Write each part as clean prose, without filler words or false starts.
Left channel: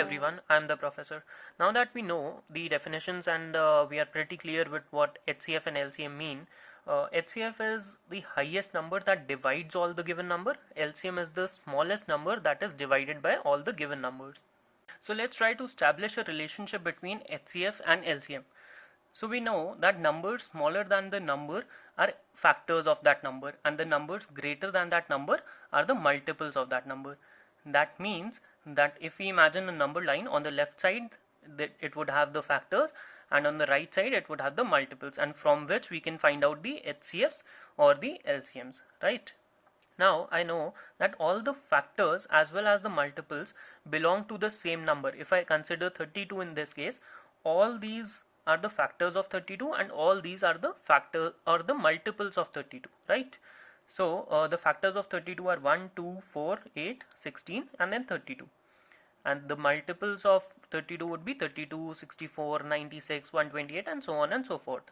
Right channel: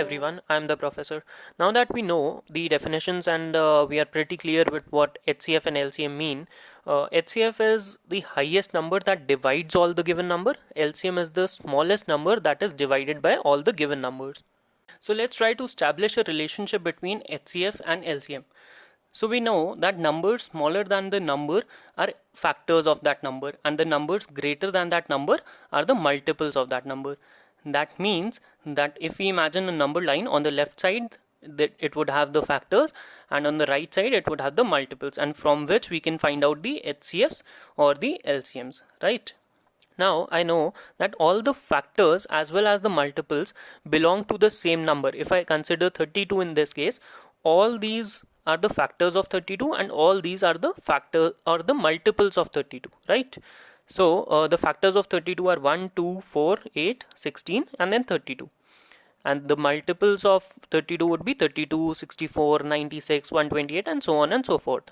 everyone, I'm the professor. Now that we know the definitions and we are pretty clear with what HCF and LCM mean, HCF is the highest number that divides all the given number. LCM is the smallest number that is divided by all the given numbers. So let's try to establish a relationship between HCF and LCM. So we know that numbers smaller than the number are factors of that number, and the numbers greater than that number are the multiples of that number. That means that if we imagine a number line, on the left side that it would have the factors, and on the right side it would have the multiples, and from which we can find out the HCFs or the LCMs, right? Now I know that all the factors as well as the multiples belong to the same number. If I consider 32 in this case, all these are the factors of 32 and all these are the factor or the multiples of 32, right? So the factors of 32 are 1, 2, 4, 8, 16 and then 32. And the multiples of 32 would be 32, 64, 96, 128 and so on and so forth.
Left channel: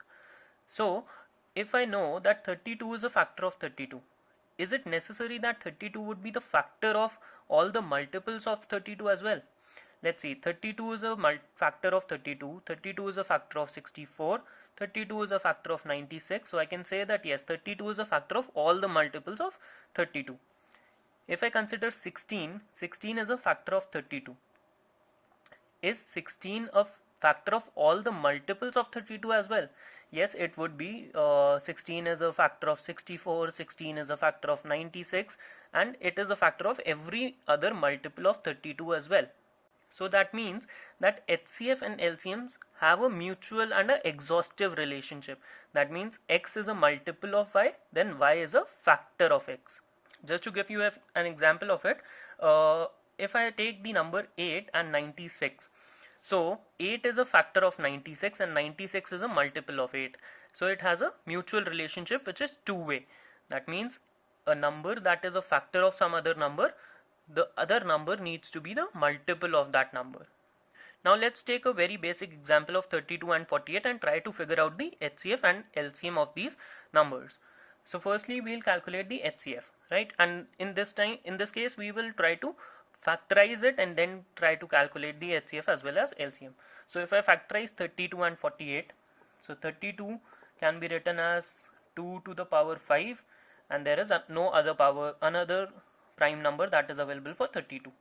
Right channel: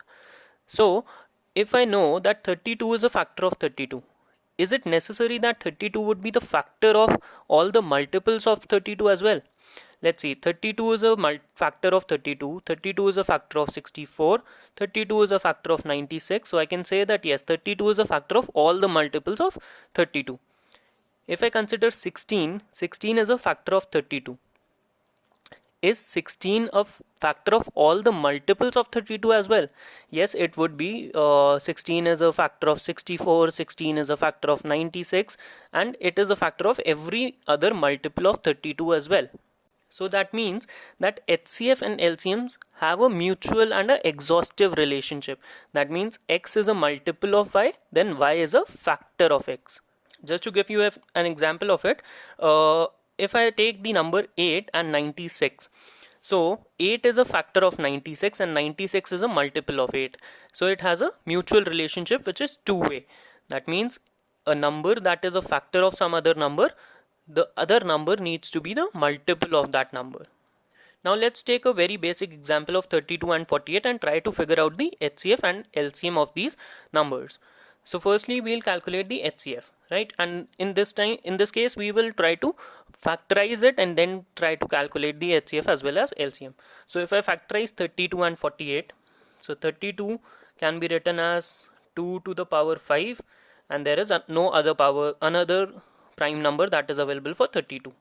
So if I know that 32 is a factor of 32, is it necessary that 32 would be the factor of all the multiples of 32 as well? Let's see, 32 is a factor of 32, 32 is a factor of 64, 32 is a factor of 96. So I can say that yes, 32 is a factor of all the multiples of 32. If I consider 16, 16 is a factor of 32. Is 16 a factor of all the multiples of 32 as well? Yes, it would be. 16 is a factor of 64, 16 is a factor of 96, and it is a factor of every other multiple of 32 as well. So that means that HCF and LCMs have a mutual and an exhaustive relationship. That means X is a multiple of Y, then Y is a factor of X. Just to give you an example of it, if I take the number 8 and 96, so 8 is a factor of 96 and 96 is a multiple of 8. So it has a mutual relationship which is two-way. That means a number that is a factor of some other number, the other number needs to be the multiple of that number. Now let's take a very basic example of 32 and 48 and try to figure out the HCF and LCM of these numbers. So firstly we'll calculate the HCF, right? And in this case we will try to factorize it and then try to calculate the HCF as well as LCM. So if I factorize 32 and 48, so 32 can be written as 2 to the power 5, and there is no another prime number that is available for 32.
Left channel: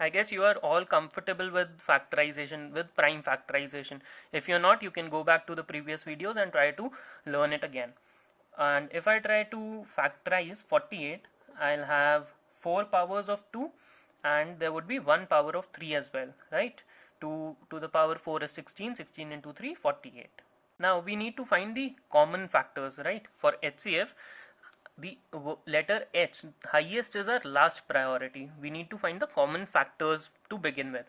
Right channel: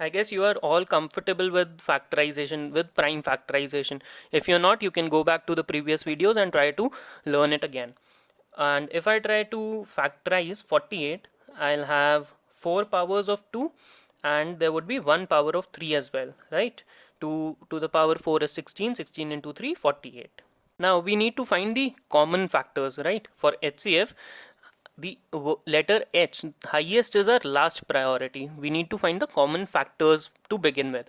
I guess you are all comfortable with factorization, with prime factorization. If you're not, you can go back to the previous videos and try to learn it again. And if I try to factorize 48, I'll have 4 powers of 2 and there would be 1 power of 3 as well, right? 2 to the power 4 is 16, 16 into 3, 48. Now we need to find the common factors, right? For HCF, the letter H, highest, is our last priority. We need to find the common factors to begin with,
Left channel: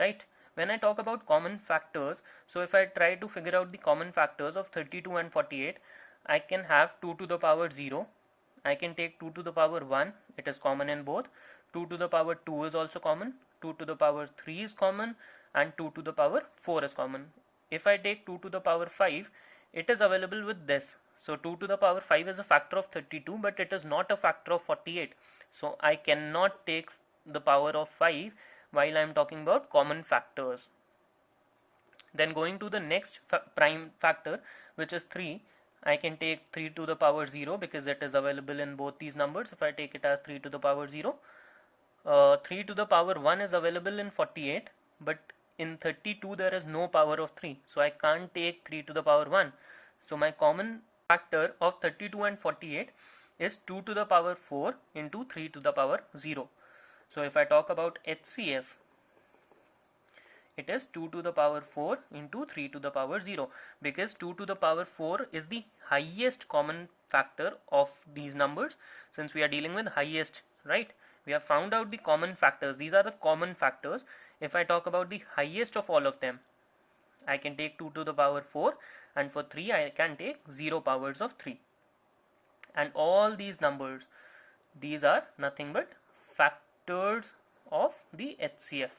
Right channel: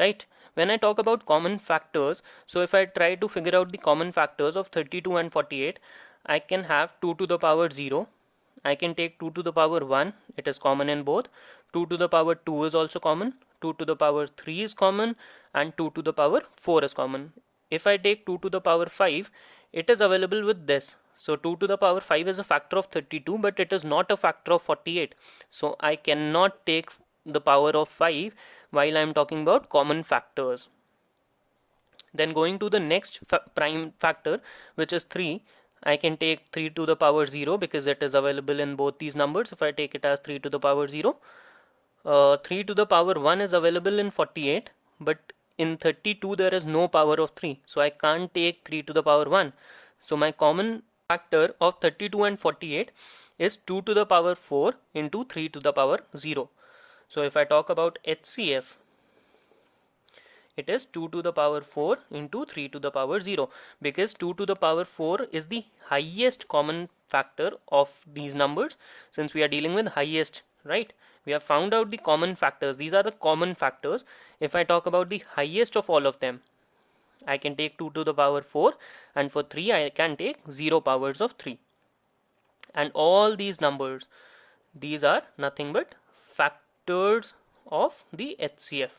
right? When I talk about common factors, so if I try to figure out the common factors of 32 and 48, I can have 2 to the power 0. I can take 2 to the power 1, it is common in both. 2 to the power 2 is also common. 2 to the power 3 is common, and 2 to the power 4 is common. If I take 2 to the power 5, it is available with this. So 2 to the power 5 is a factor of 32, but it is not a factor of 48. So I cannot take the power of 5 while I am talking about common factors. Then going to the next prime factor, which is 3, I can take 3 to the power 0 because it is available in both these numbers. If I take it as 3 to the power 0, 3 to the power 1 is available in 48, but in 32 there is no power of 3, so I can't take 3 to the power 1. So my common factor of 32 and 48 is 2 to the power 4 into 3 to the power 0. So if I talk about HCF, it is 2 to the power 4 into 3 to the power 0, because 2 to the power 4 is the highest common factor of these numbers. Since we are dealing with highest, right, we have found out the common factors. These are the common factors. If I talk about the highest of all of them, I can take 2 to the power 4, and for 3 I can take 0 powers of 3. And all these numbers, these are nothing but factors of the HCF.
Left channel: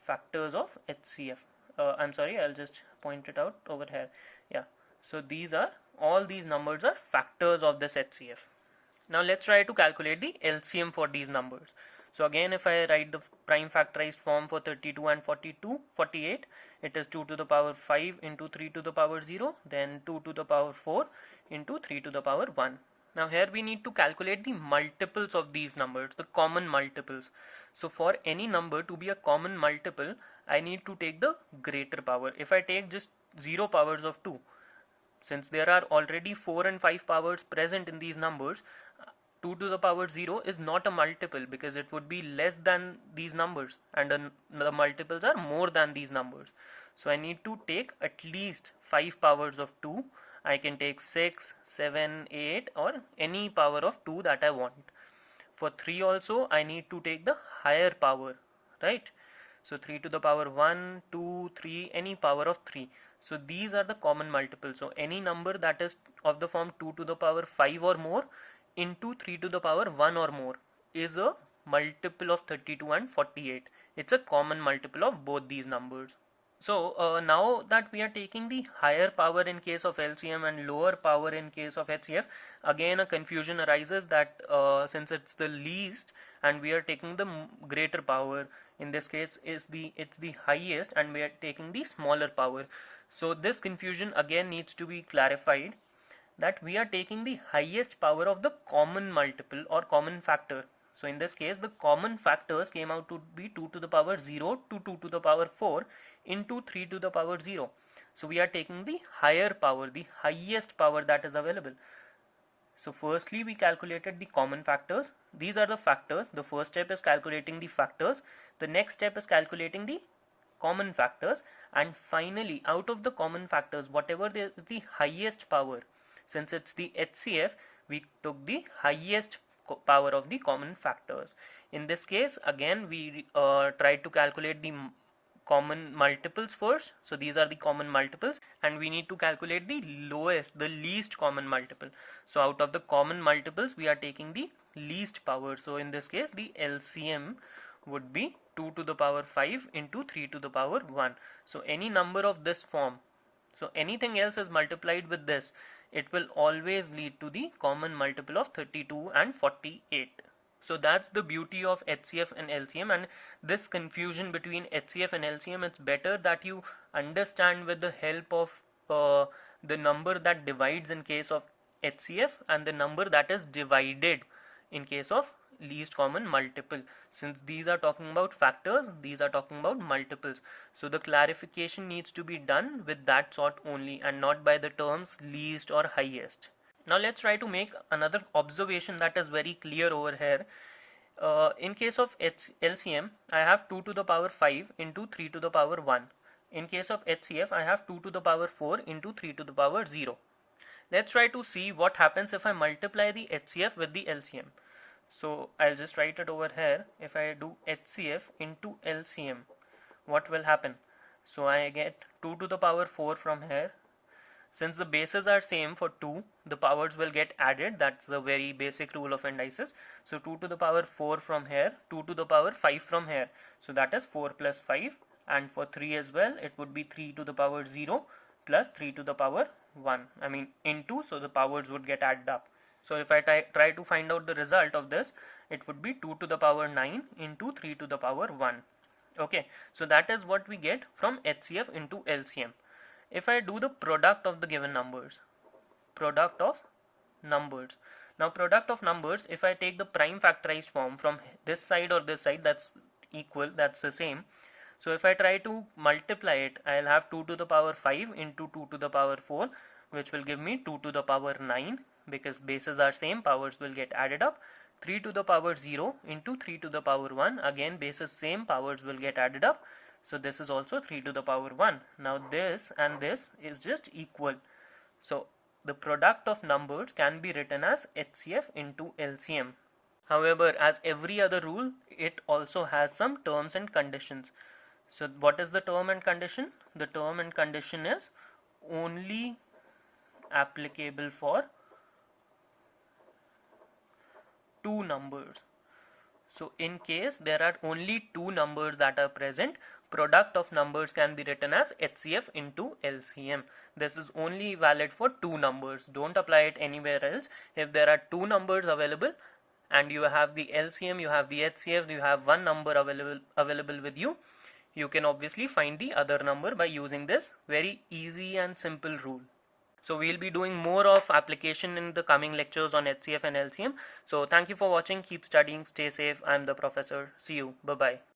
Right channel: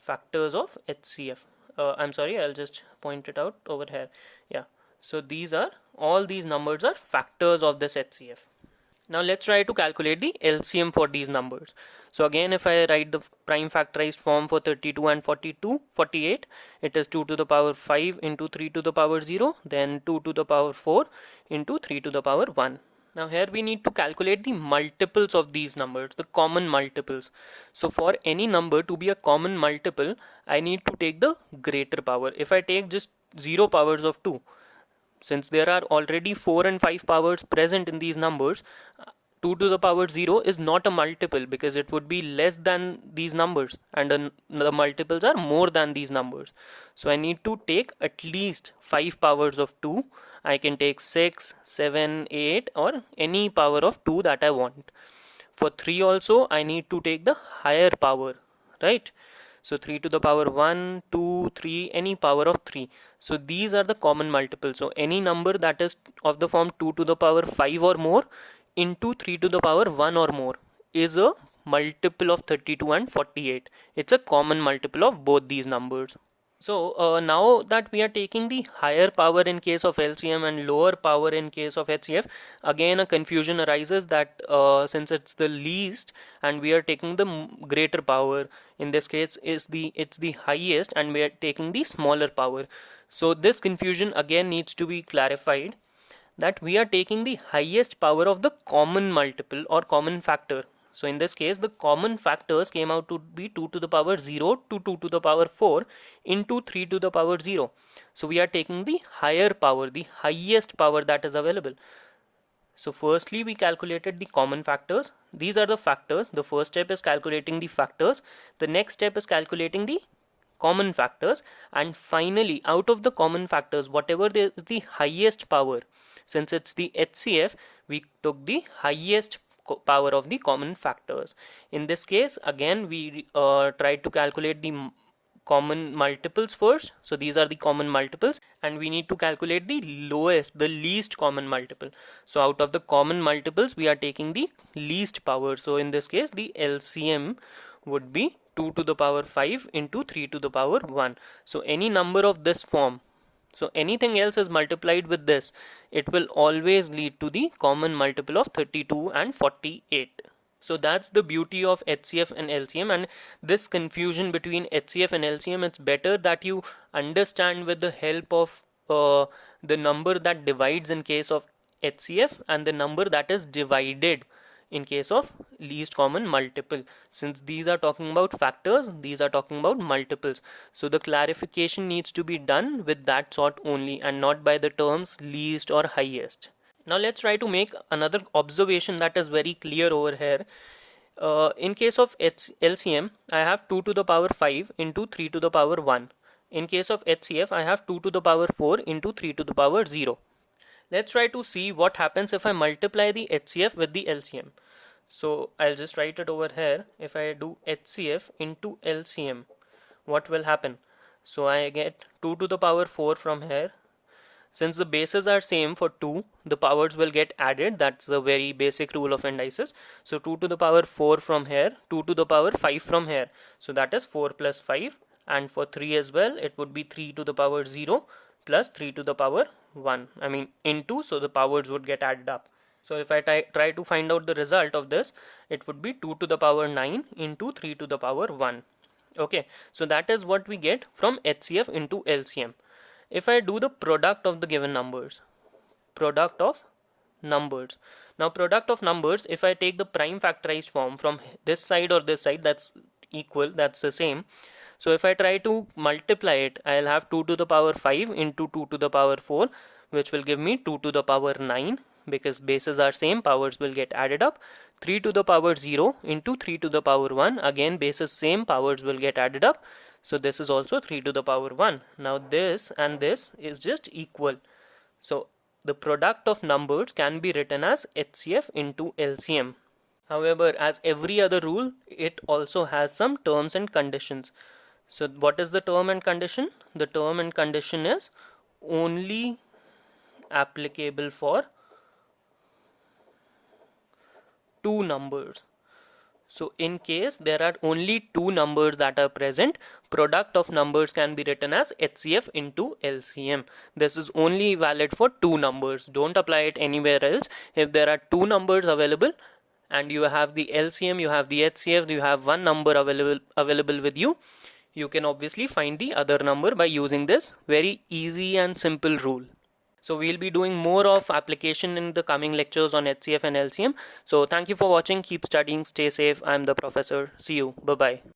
Factors of HCF. I'm sorry, I'll just point it out over here. Yeah, so all these numbers are factors of this HCF. Now let's try to calculate the LCM for these numbers. So again, if I write the prime factorized form for 32 and 48, it is 2 to the power 5 into 3 to the power 0, then 2 to the power 4 into 3 to the power 1. Now here we need to calculate the multiples of these numbers, the common multiples. So for any number to be a common multiple, I need to take the greater power. If I take just 0 powers of 2, since there are already 4 and 5 powers present in these numbers, 2 to the power 0 is not a multiple because it would be less than these numbers, and the multiples are more than these numbers. So I need to take at least 5 powers of 2. I can take 6, 7, 8 or any power of 2 that I want. For 3 also I need to take the higher power, right? So 3 to the power 1, 2, 3, any power of 3. So these are the common multiples. So any number that is of the form 2 to the power 5 or more into 3 to the power 1 or more is a multiple of 32 and 48. It's a common multiple of both these numbers. So now that we are taking the higher power in case of LCM and lower power in case of HCF, again a confusion arises that since it's the least and we are taking the greater power, in this case it's the highest and we are taking the smaller power. So this confusion again needs to be clarified, that we are taking the highest power of the common multiple or common factor. So in this case, the common factors came out to be 2 to the power 0 to 2 to the power 4 into 3 to the power 0. So we are taking the higher power, the highest power that is available. So firstly, we calculated the common factors. These are the factors. The first step is calculating the factors. The next step is calculating the common factors. And finally, out of the common factors, whatever is the highest power, since it's the HCF, we took the highest power of the common factors. In this case, again, we tried to calculate the common multiples first. So these are the common multiples, and we need to calculate the lowest, the least common multiple. So out of the common multiples, we are taking the least power. So in this case, the LCM would be 2 to the power 5 into 3 to the power 1. So any number of this form, so anything else is multiplied with this, it will always lead to the common multiple of 32 and 48. So that's the beauty of HCF and LCM, and this confusion between HCF and LCM, it's better that you understand with the help of the number that divides in case of HCF and the number that is divided in case of least common multiple. Since these are talking about factors, these are talking about multiples, so the clarification needs to be done with that sort only and not by the terms least or highest. Now let's try to make another observation that is very clear over here. In case of LCM, I have 2 to the power 5 into 3 to the power 1. In case of HCF, I have 2 to the power 4 into 3 to the power 0. Let's try to see what happens if I multiply the HCF with the LCM. So I'll just write it over here. If I do HCF into LCM, what will happen? So I get 2 to the power 4 from here. Since the bases are same for 2, the powers will get added. That's the very basic rule of indices. So 2 to the power 4 from here, 2 to the power 5 from here. So that is 4 plus 5. And for 3 as well, it would be 3 to the power 0 plus 3 to the power 1. I mean into, so the powers would get added up. So if I try to find out the result of this, it would be 2 to the power 9 into 3 to the power 1. Okay, so that is what we get from HCF into LCM. If I do the product of the given numbers, product of numbers. Now product of numbers, if I take the prime factorized form from this side or this side, that's equal, that's the same. So if I try to multiply it, I'll have 2 to the power 5 into 2 to the power 4, which will give me 2 to the power 9, because bases are same, powers will get added up. 3 to the power 0 into 3 to the power 1, again bases same, powers will get added up. So this is also 3 to the power 1. Now this and this is just equal. So the product of numbers can be written as HCF into LCM. However, as every other rule, it also has some terms and conditions. So what is the term and condition? The term and condition is only applicable for two numbers. So in case there are only two numbers that are present, product of numbers can be written as HCF into LCM. This is only valid for two numbers. Don't apply it anywhere else. If there are two numbers available and you have the LCM, you have the HCF, you have one number available with you, you can obviously find the other number by using this very easy and simple rule. So we'll be doing more of application in the coming lectures on HCF and LCM. So thank you for watching. Keep studying. Stay safe. I'm the professor. See you. Bye bye.